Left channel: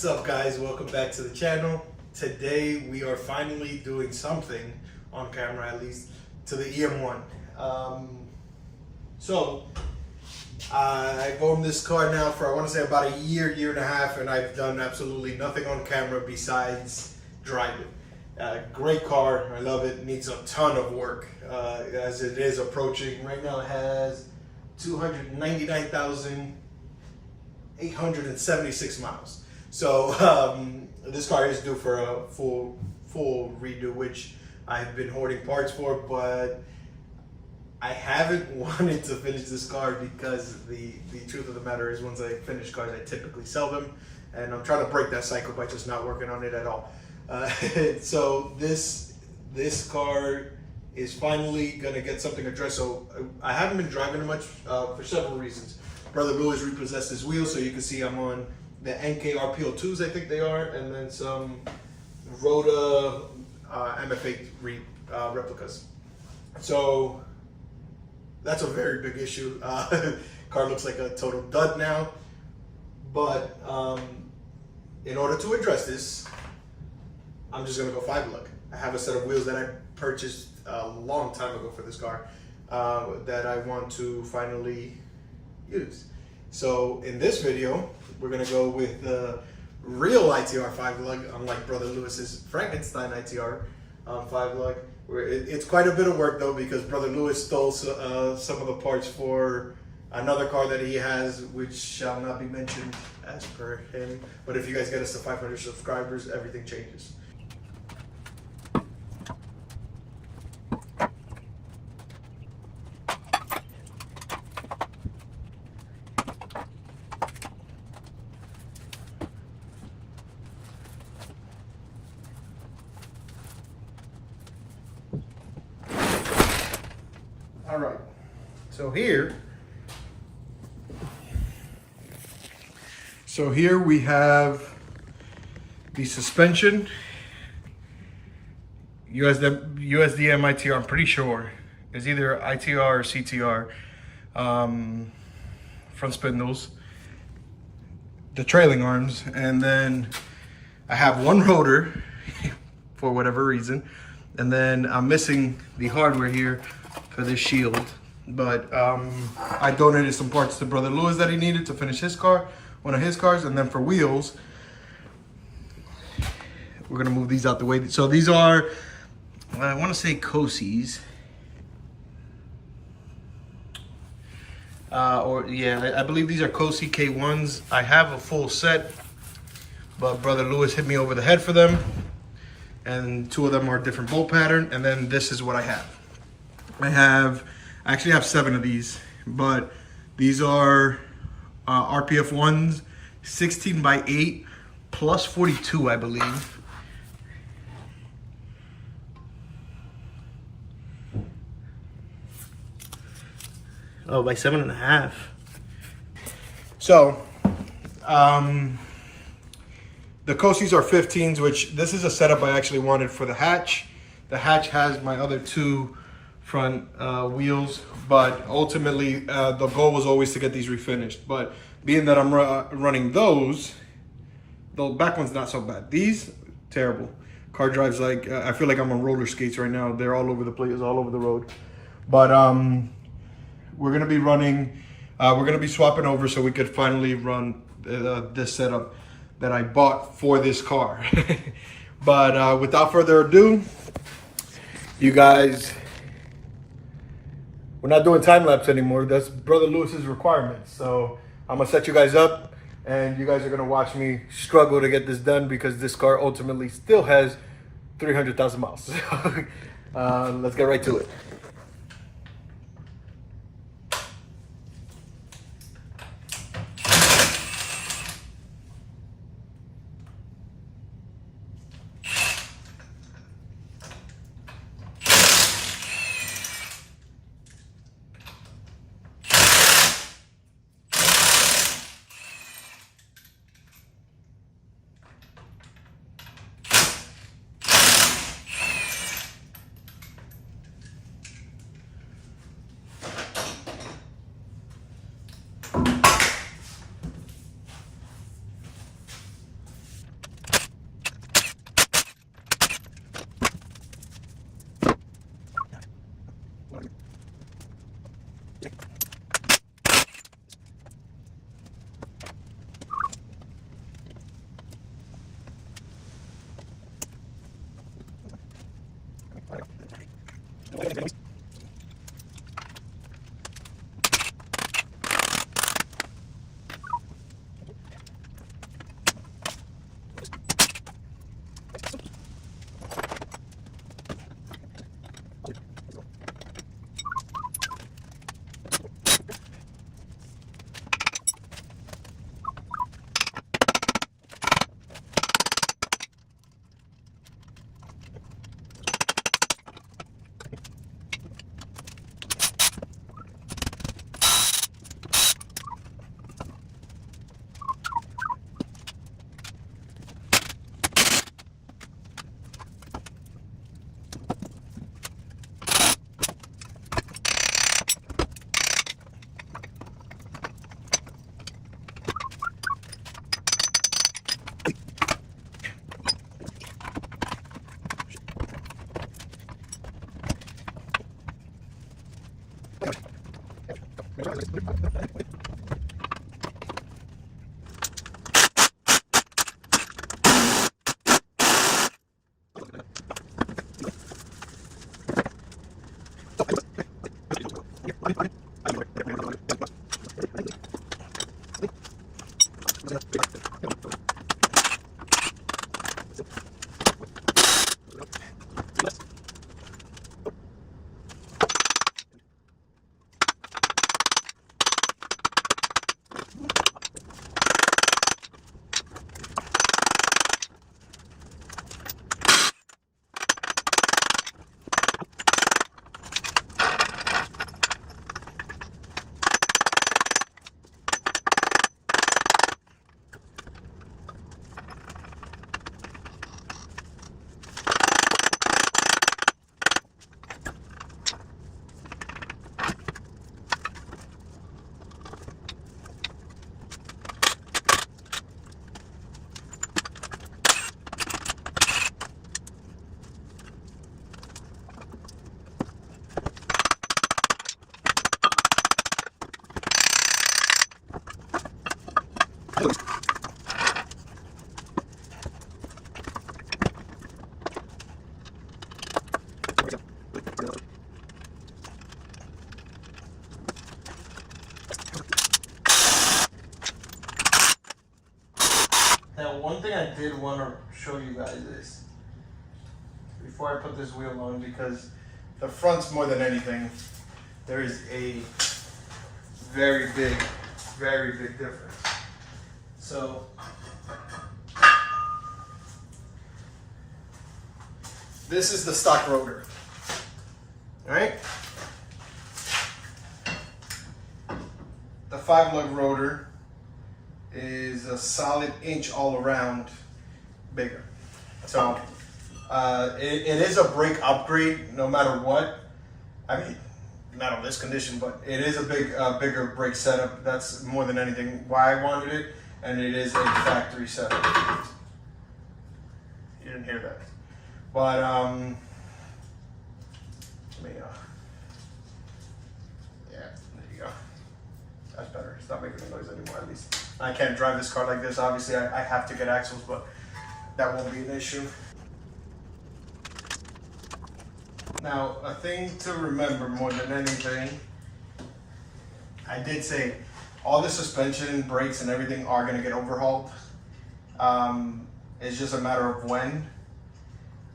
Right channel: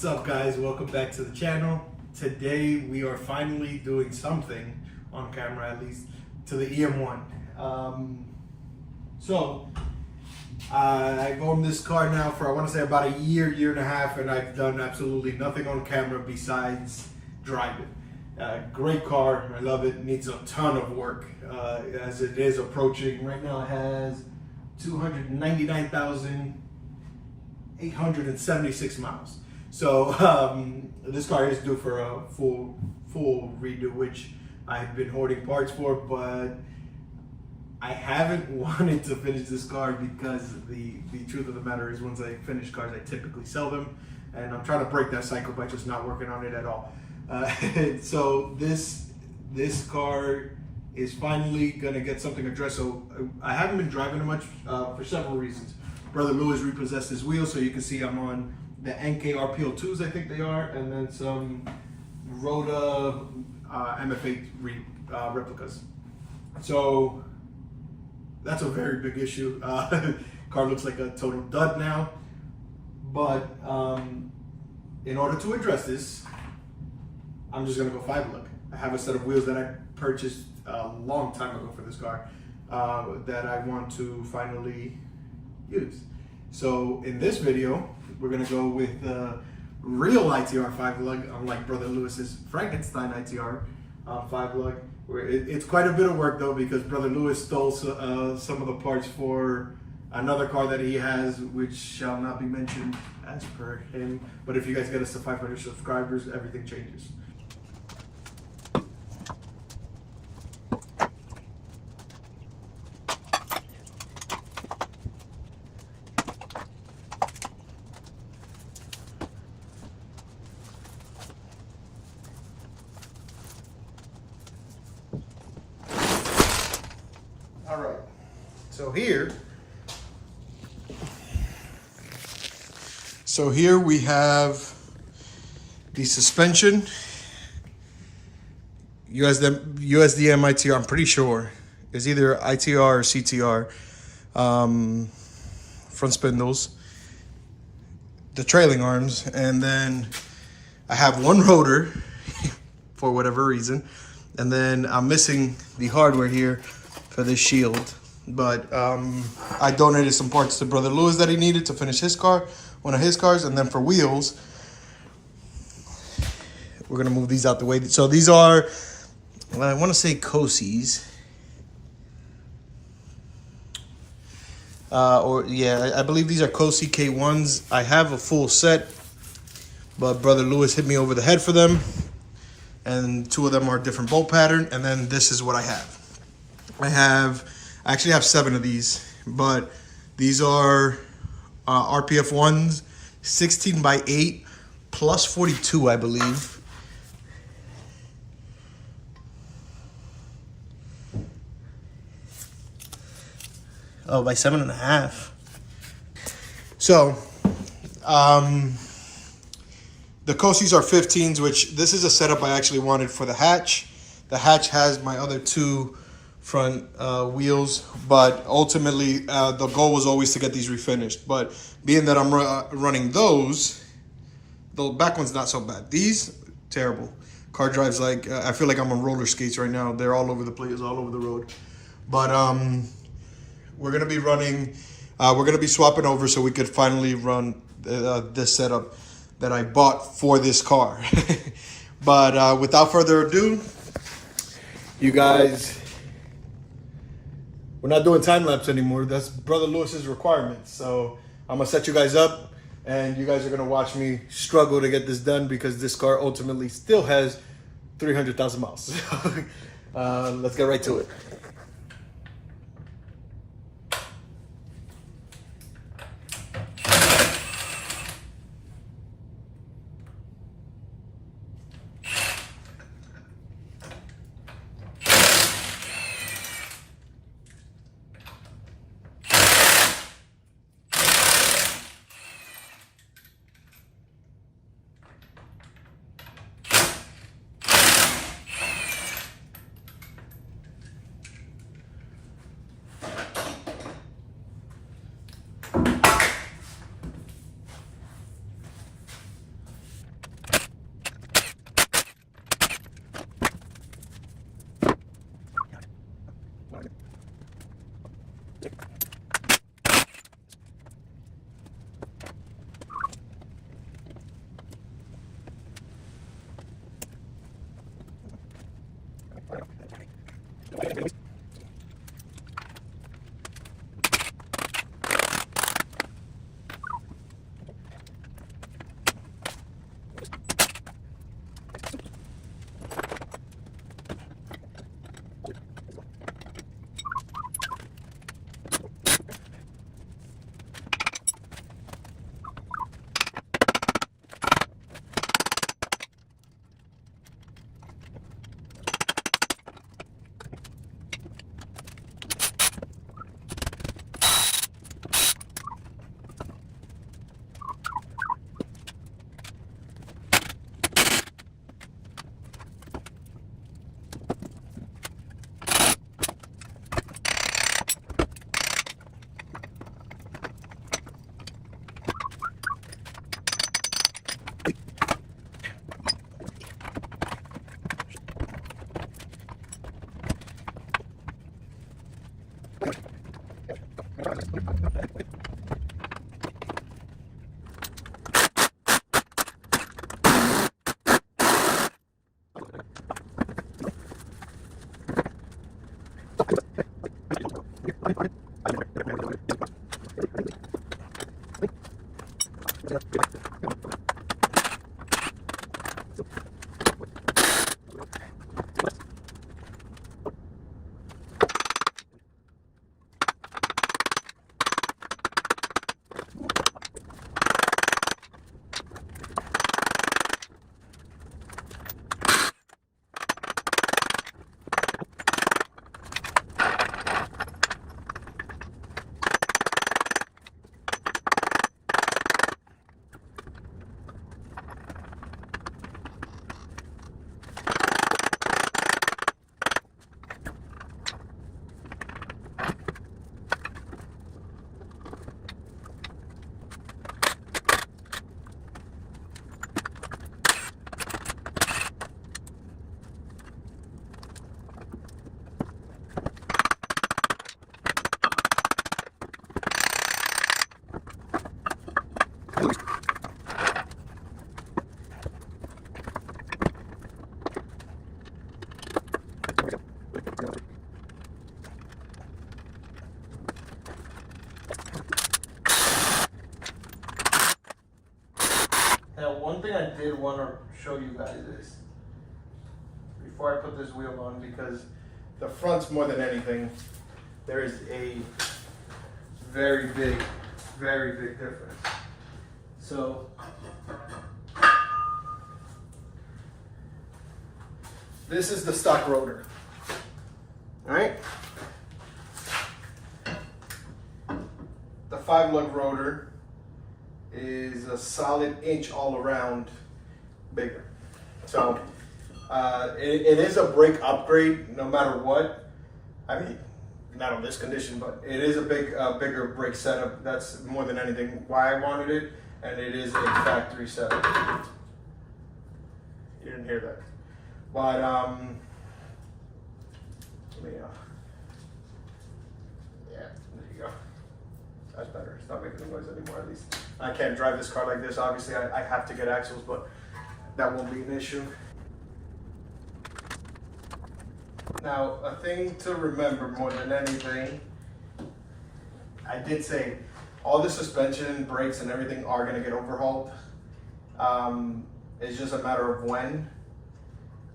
What's up, guys? Welcome back to the channel. Today we are finally doing something on camera, at least, to the EM1. I've owned this car now for, I want to say, about a year and a half, and I've done absolutely nothing on camera besides drive it. Great car, I love it. Needs a ton of work as it is approaching. Right now it has 299,876 miles. So this car is due for a full redo, which I've been hoarding parts for, but I haven't wanted to finish this car because the truth of the matter is, once I finish cars, I typically sell them, and I'm trying to break that cycle by just not working on it at all. So this car is finally gonna get something addressed. So I haven't been driving it much for several reasons. Brother Lewis repossessed his wheels, so you can see I'm on the NK RPO2s, I think they are, and then some Rhoda MF8 replicas. So that's a very big issue. Car looks like a total dud now. But in order to address this, I'm just gonna go 5-lug. I have a set of wheels that I purchased a long time ago for this car that I want to finally use. So in this video, we're gonna go with the real ITR 5-lug, unlike Brother Lewis's Frankenstein ITR 5-lug. It's quite a bit of work though, because Brother Lewis stole some of the parts for another car that he has, which shall not be mentioned as per him. But if you guys get us to 500 subscribers, everything changes. All right, so here we have the suspension, USDM ITR, I'm pretty sure, is either ITR or CTR, front spindles, the trailing arms, and then I have one rotor for whatever reason, and then I'm missing the hardware here for this shield. But I donated some parts to Brother Lewis that he needed to finish his car, one of his cars. And then for wheels, we're gonna move these out the way. So these are, I want to say Cosis, I believe these are Cosi K1s. I have a full set, but Brother Lewis hit me over the head for them, and 2 of them are different bolt pattern. And then this is what I have. I actually have 7 of these, but these are RPF 1s, 16x8 plus 42, I believe. Oh, by 7.5. So, the Cosis are 15s, which this is a setup I actually wanted for the hatch. The hatch has my other 2 front wheels, but ultimately the goal was always to get these refinished. But being that I'm running those, the back one's not so bad. These, terrible. Car drives like, I feel like I'm on roller skates right now. They're all over the place, all over the road. But we're gonna be running, we're gonna be swapping over so we could finally run this setup that I bought for this car. But without further ado, you guys, we're not doing time lapse anymore. That's Brother Lewis's requirements. So I'm gonna set you guys up, and you guys are gonna watch me struggle to get this done, because this car ultimately still has 300,000 miles. Let's get right to it. I did want to show you guys this before I put this wheel on, because the front's more than anything, there is a very big difference. So this is the stock rotor, all right? The 5-lug rotor is a solid inch all around bigger. So it is a brake upgrade no matter what. I mean, not on this condition, but it is a bigger brake setup. That's more than anything why I wanted it, and it is a factory setup. You didn't hear that. But let me, yeah, there you go. That's better. It's not making any noise anymore, at least. I can't drive this car like this. Obviously, I have to get axles, but that won't be an issue. Now, a thing to remember more than anything, I did say all the suspension, brakes, and everything are going to get overhauled. It's just a matter of when.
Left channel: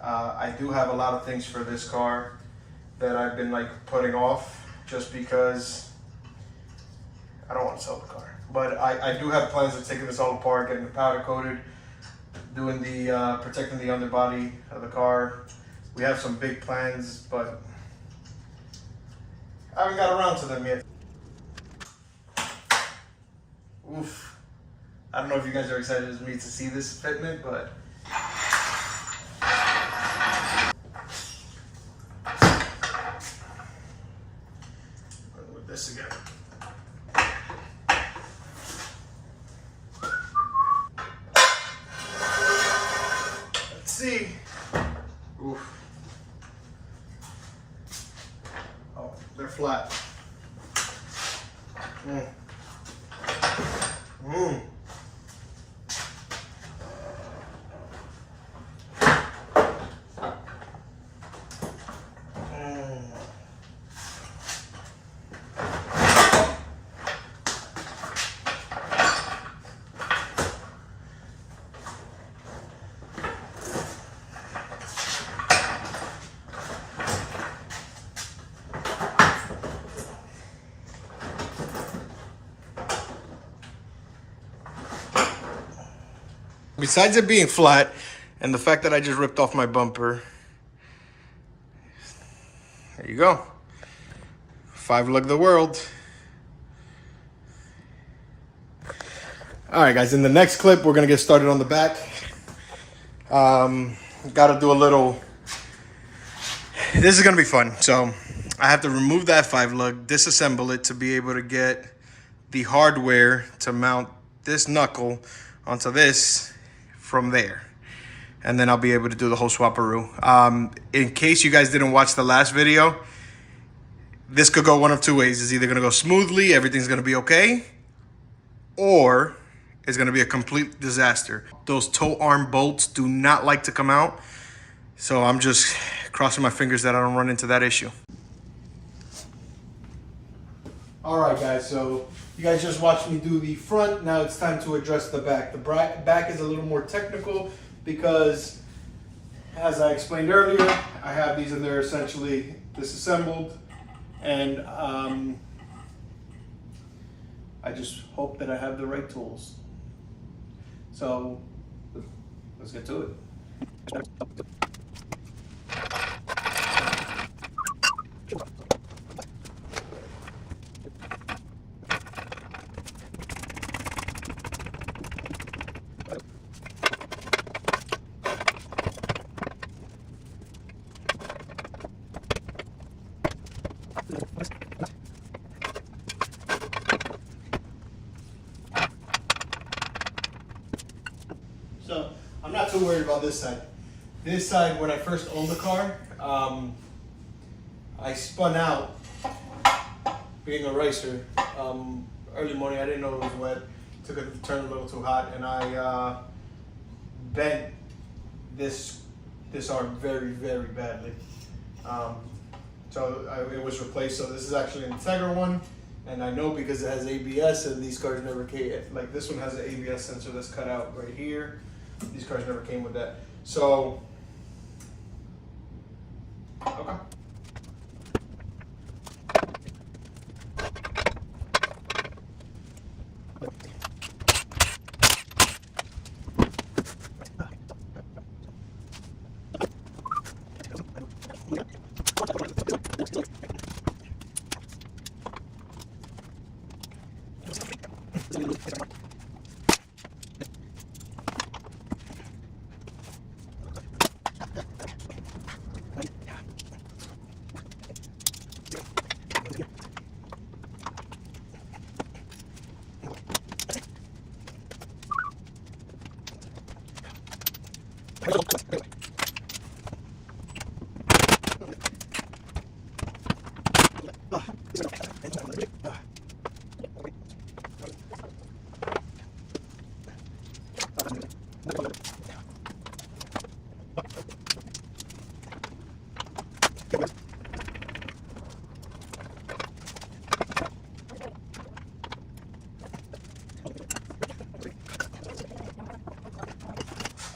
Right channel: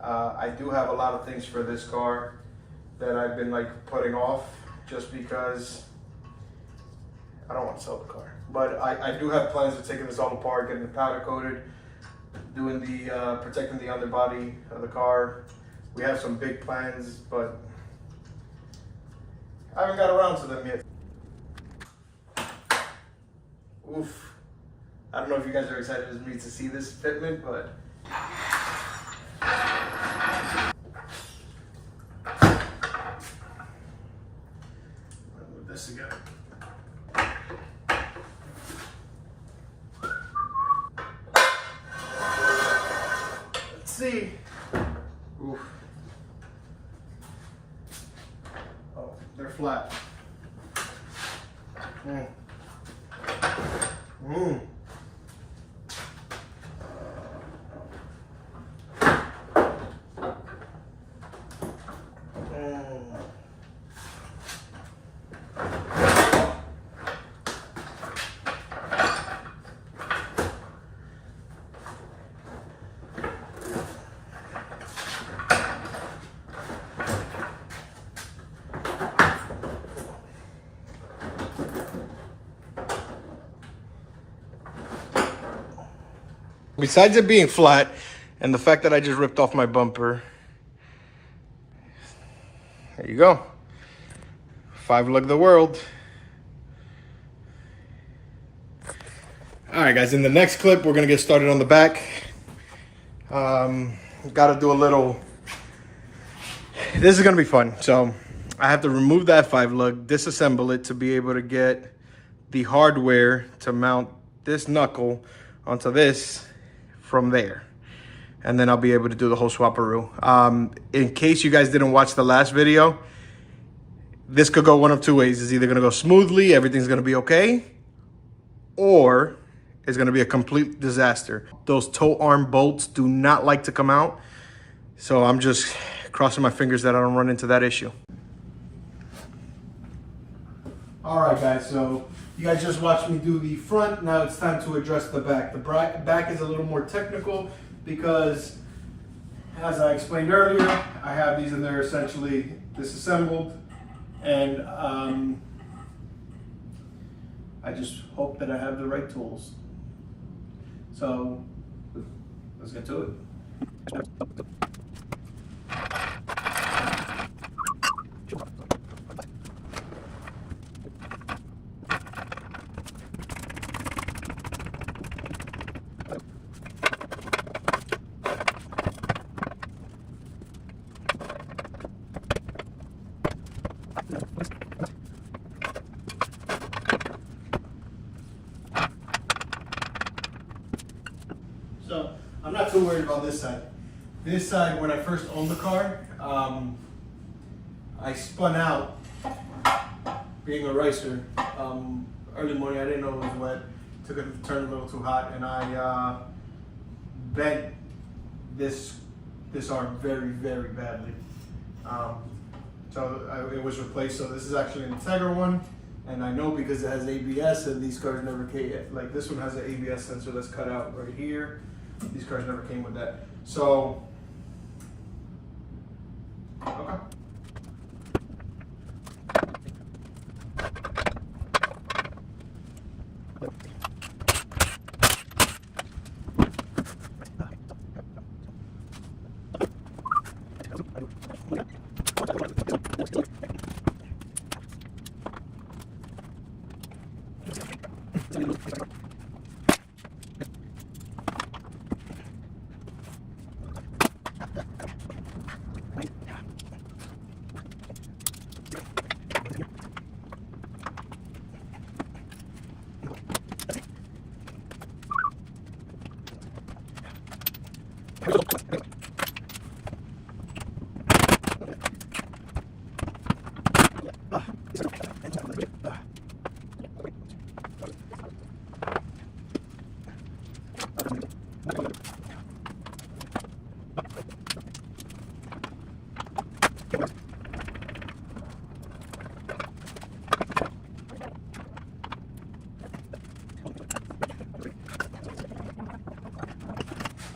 I do have a lot of things for this car that I've been like putting off just because I don't want to sell the car. But I do have plans of taking this all apart, getting it powder coated, doing the protecting the underbody of the car. We have some big plans, but I haven't got around to them yet. Oof. I don't know if you guys are excited as me to see this fitment, but with this again. Let's see. Oof. Oh, they're flat. Mm. Mm. Besides it being flat and the fact that I just ripped off my bumper, there you go. 5-lug the world. All right, guys, in the next clip, we're gonna get started on the back. Gotta do a little, this is gonna be fun. So I have to remove that 5-lug, disassemble it to be able to get the hardware to mount this knuckle onto this from there, and then I'll be able to do the whole swaparoo. In case you guys didn't watch the last video, this could go one of two ways. It's either gonna go smoothly, everything's gonna be okay, or it's gonna be a complete disaster. Those toe arm bolts do not like to come out, so I'm just crossing my fingers that I don't run into that issue. All right, guys, so you guys just watched me do the front. Now it's time to address the back. The back is a little more technical because, as I explained earlier, I have these and they're essentially disassembled. And I just hope that I have the right tools. So let's get to it. So I'm not too worried about this side. This side, when I first owned the car, I spun out, being a racer. Early morning, I didn't know it was wet. Took a turn a little too hot, and I bent this arm very, very badly. So it was replaced. So this is actually an Integra one, and I know because it has ABS, and these cars never came. Like this one has an ABS sensor that's cut out right here. These cars never came with that. So, okay.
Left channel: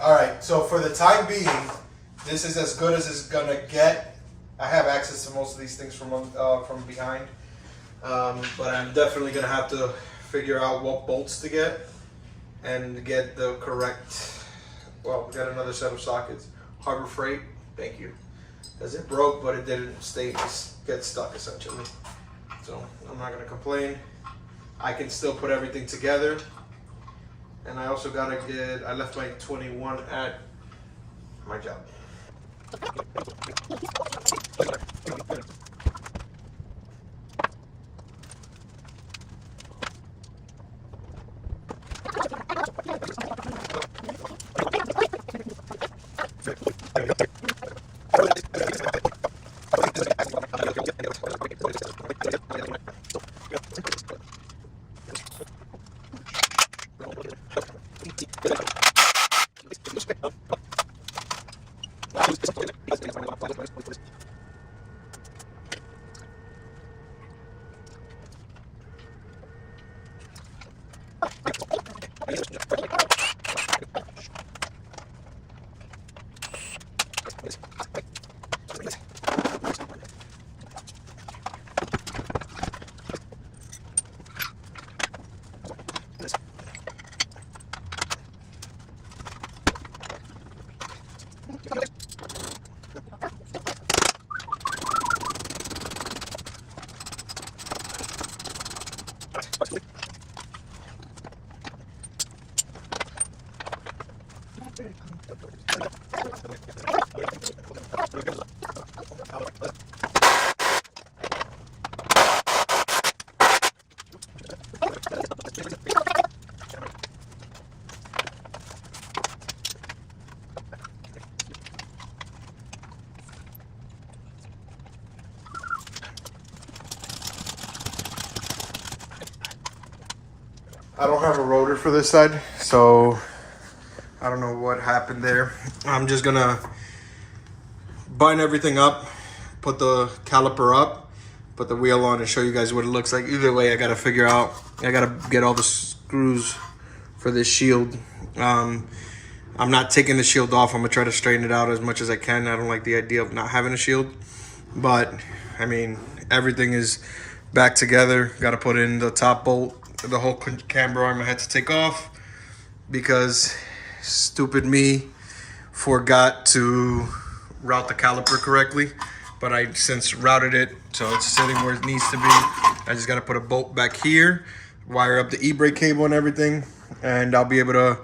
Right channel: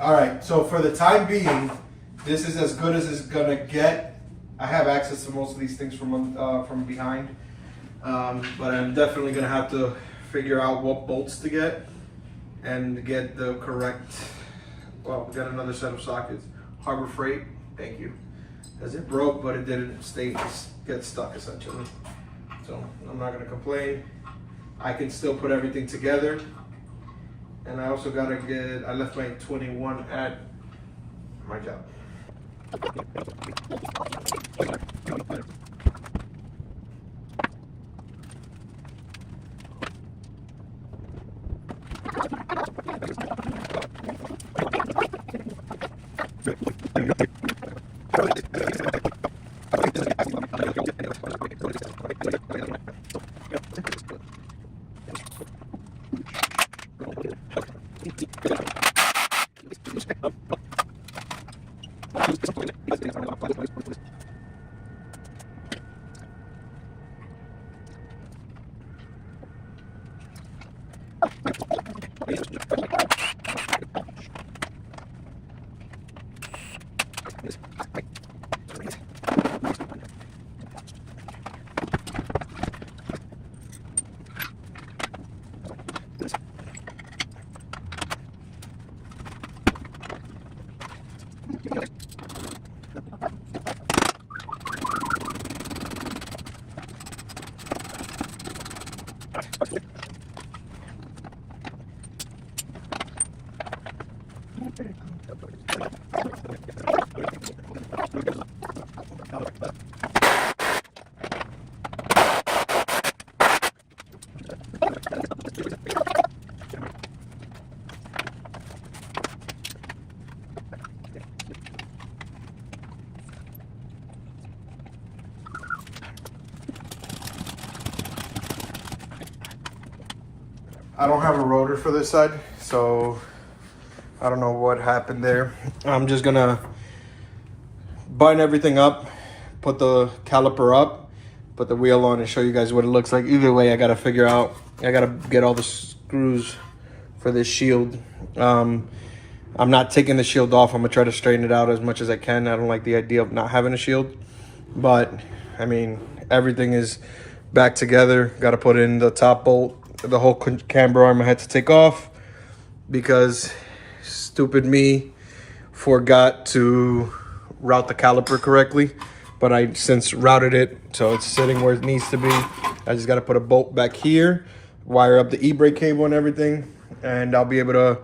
All right, so for the time being, this is as good as it's gonna get. I have access to most of these things from behind, but I'm definitely gonna have to figure out what bolts to get and get the correct. Well, we got another set of sockets. Harbor Freight, thank you. As it broke, but it didn't get stuck essentially. So I'm not gonna complain. I can still put everything together. And I also I left my 21 at my job. I don't have a rotor for this side, so I don't know what happened there. I'm just gonna bind everything up, put the caliper up, put the wheel on and show you guys what it looks like. Either way, I gotta figure out, I gotta get all the screws for this shield. I'm not taking the shield off. I'm gonna try to straighten it out as much as I can. I don't like the idea of not having a shield, but I mean, everything is back together. Gotta put in the top bolt. The whole camber arm I had to take off because stupid me forgot to route the caliper correctly, but I since routed it so it's sitting where it needs to be. I just got to put a bolt back here, wire up the e-brake cable and everything, and I'll be able to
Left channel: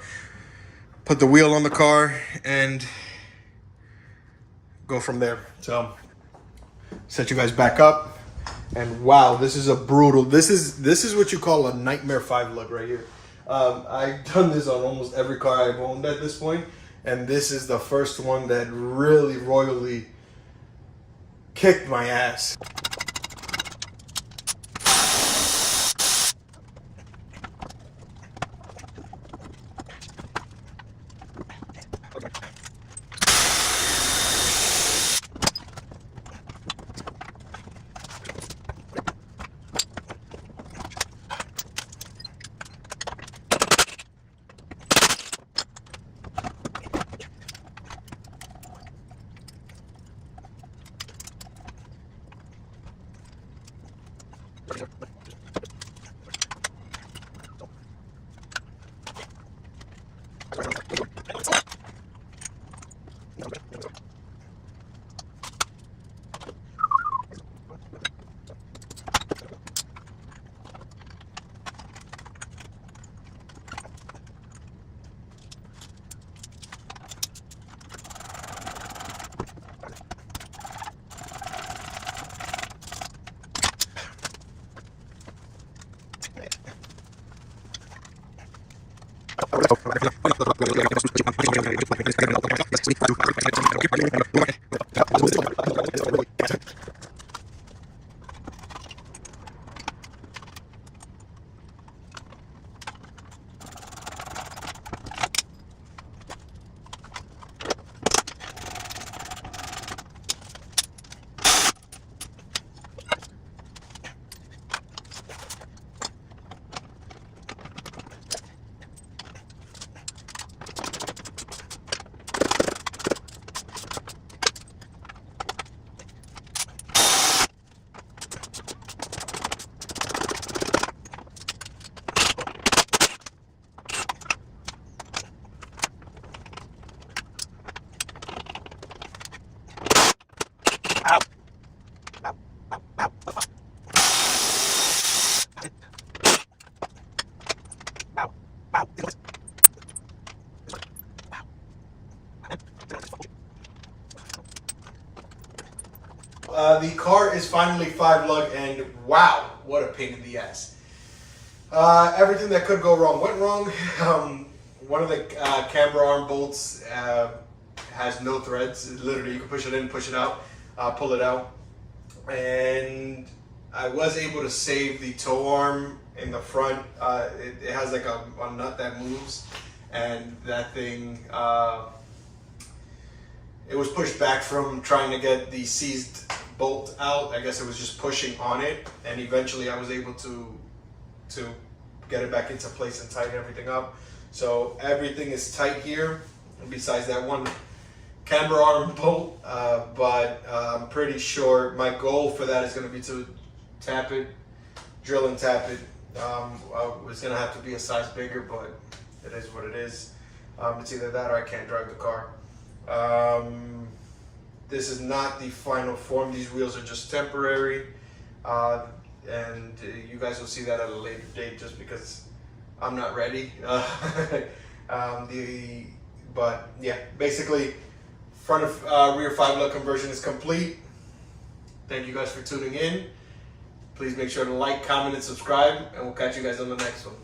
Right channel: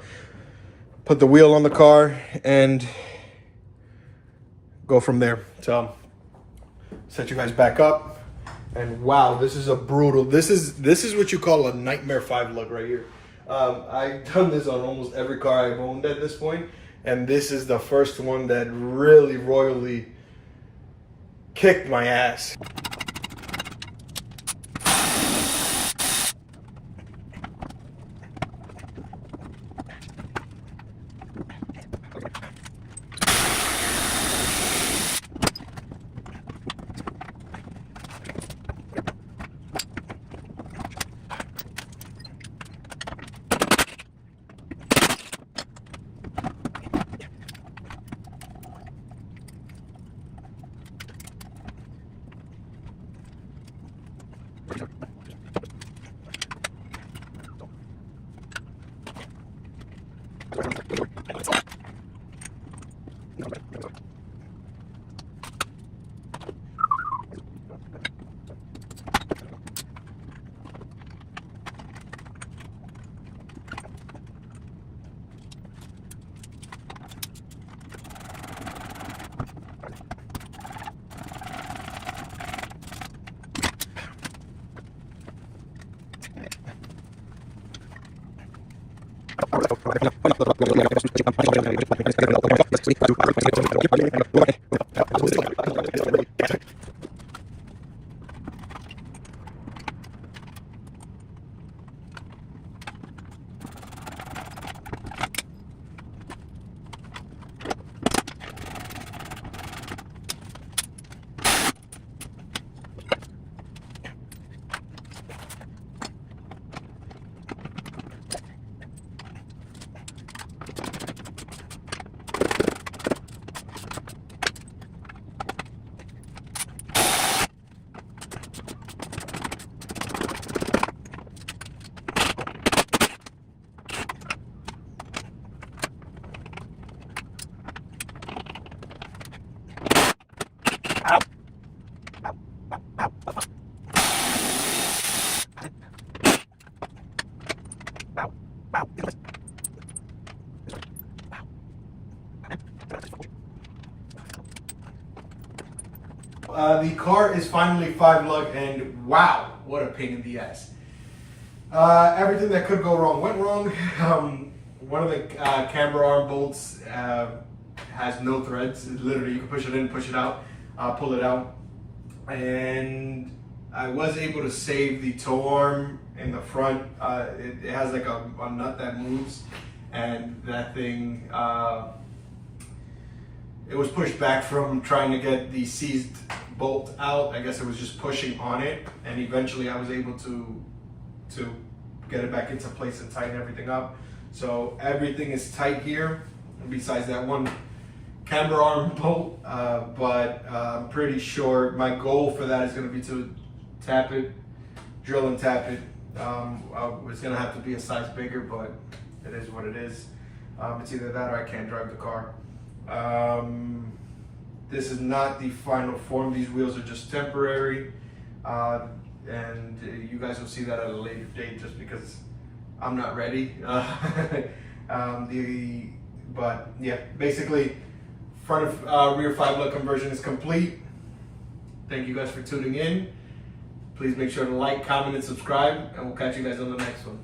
put the wheel on the car and go from there. So set you guys back up. And wow, this is a brutal, this is what you call a nightmare 5 lug right here. I've done this on almost every car I've owned at this point, and this is the first one that really royally kicked my ass. The car is finally 5 lug, and wow, what a pain in the ass. Everything that could go wrong went wrong. One of the camber arm bolts has no threads. Literally, you can push it in, push it out, pull it out. And I was able to save the tow arm in the front. It has like a nut that moves, and that thing, it was pushed back from trying to get the seized bolt out. I guess it was just pushing on it, and eventually I was able to get it back into place and tighten everything up. So everything is tight here, besides that one camber arm bolt, but I'm pretty sure my goal for that is going to be to tap it, drill and tap it. It's going to have to be a size bigger, but it is what it is. It's either that or I can't drive the car. This is not the final form. These wheels are just temporary, and you guys will see that at a later date just because I'm not ready. But yeah, basically front of rear 5-lug conversion is complete. Thank you guys for tuning in. Please make sure to like, comment, and subscribe, and we'll catch you guys on the next one.